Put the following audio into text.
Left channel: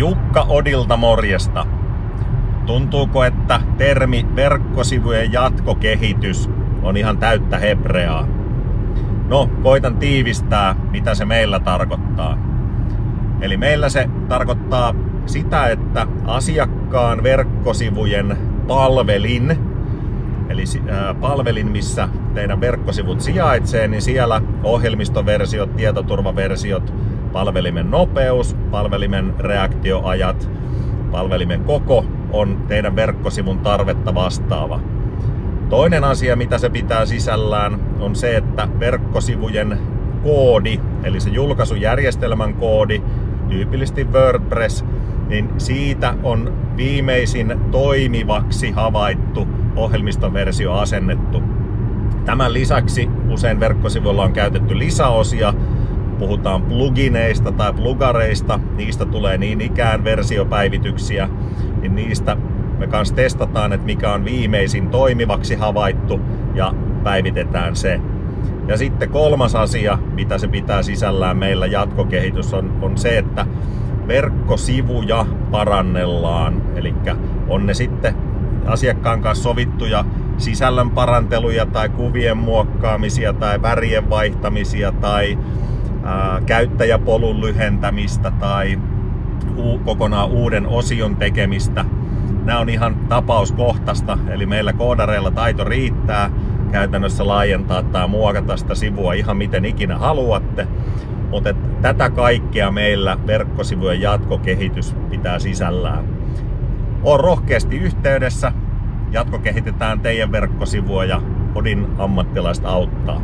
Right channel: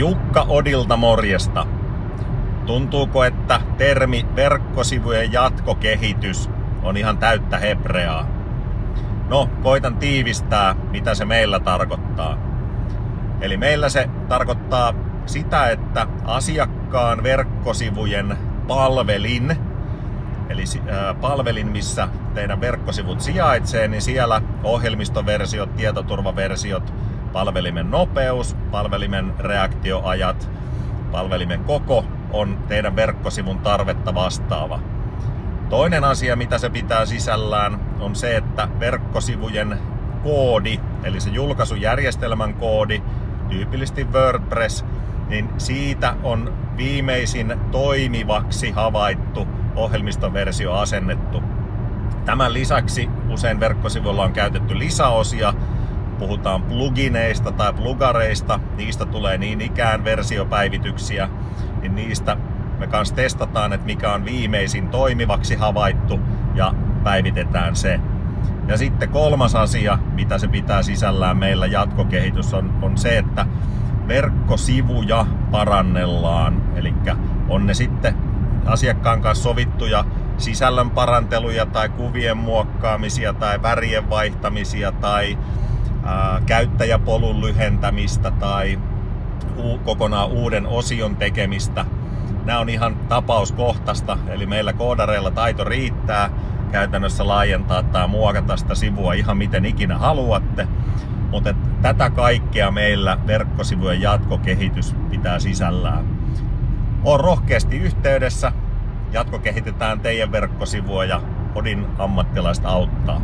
Jukka Odilta morjesta. Tuntuuko, että termi verkkosivujen jatkokehitys on ihan täyttä hebreaa? No, koitan tiivistää, mitä se meillä tarkoittaa. Eli meillä se tarkoittaa sitä, että asiakkaan verkkosivujen palvelin, eli palvelin, missä teidän verkkosivut sijaitsee, niin siellä ohjelmistoversiot, tietoturvaversiot, palvelimen nopeus, palvelimen reaktioajat, palvelimen koko on teidän verkkosivun tarvetta vastaava. Toinen asia, mitä se pitää sisällään, on se, että verkkosivujen koodi, eli se julkaisujärjestelmän koodi, tyypillisesti WordPress, niin siitä on viimeisin toimivaksi havaittu ohjelmistoversio asennettu. Tämän lisäksi usein verkkosivuilla on käytetty lisäosia. Puhutaan plugineista tai plugareista, niistä tulee niin ikään versiopäivityksiä, niin niistä me kanssa testataan, että mikä on viimeisin toimivaksi havaittu ja päivitetään se. Ja sitten kolmas asia, mitä se pitää sisällään meillä jatkokehitys on se, että verkkosivuja parannellaan. Eli on ne sitten asiakkaan kanssa sovittuja sisällön paranteluja tai kuvien muokkaamisia tai värien vaihtamisia tai käyttäjäpolun lyhentämistä tai kokonaan uuden osion tekemistä. Nämä on ihan tapauskohtaista, eli meillä koodareilla taito riittää käytännössä laajentaa tai muokata sitä sivua ihan miten ikinä haluatte. Mutta tätä kaikkea meillä verkkosivujen jatkokehitys pitää sisällään. On rohkeasti yhteydessä, jatkokehitetään teidän verkkosivua ja Odin ammattilaiset auttaa.